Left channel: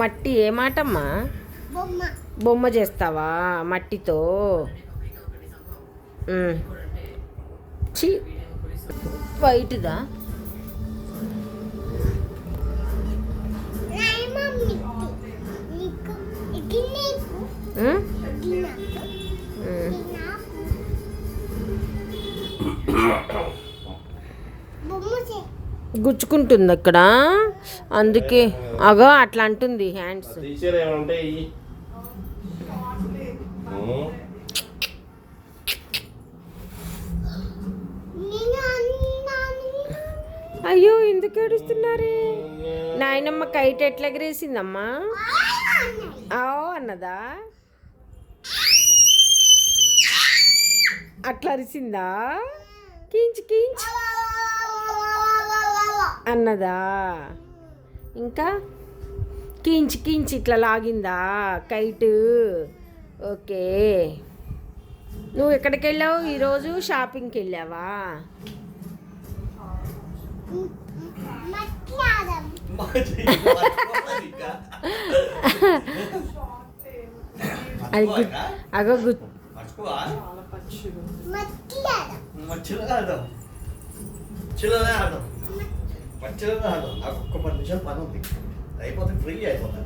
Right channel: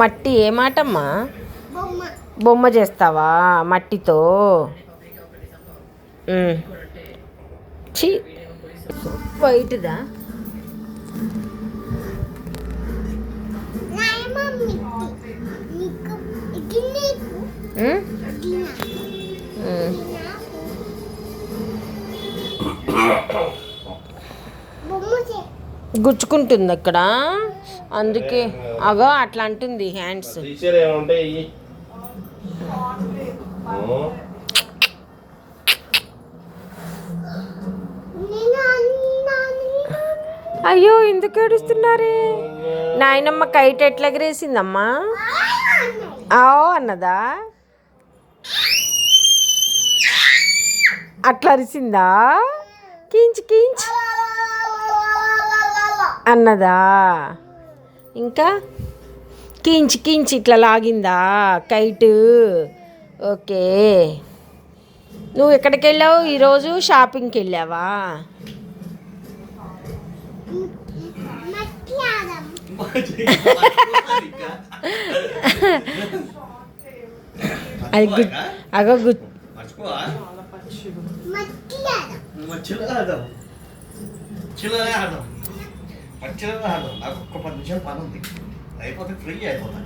మట్టి ఏ మాటమ్మా? బొమ్మ చేస్తావా మట్టితో? ఛీ, వైట్దా? గుచ్చుకుంటుంది అక్కడ, అందుకే అగో అట్లా అంటుంది హ్యాండ్స్. అయ్యో ఎందుకు ఏడుస్తున్నారే? నాయనమ్మ కైట్ ఎట్లా ఎగరేసిందమ్మా? అన్నదా? అట్లా అరిసిందా? కించ్ కించ్ అన్నదా? ఇంకా కించ్ కించ్ ఇట్లా లాగిందా కైట్? ఓకే. నువ్వు ఎక్కడికి వెళ్ళావు ఈరోజు? షాపింగ్కి వెళ్ళావా? అది అగో అయిపోతే ఫ్రీ అయిపోతాయి.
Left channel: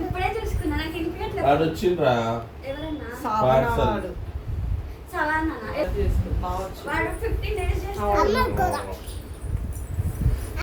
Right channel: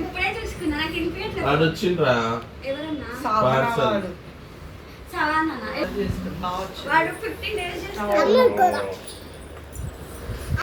ఇప్పుడే చూసుకున్నా, నాకు వినిపించట్లేదు. వాడు వచ్చిండ్రా వాడు 15 days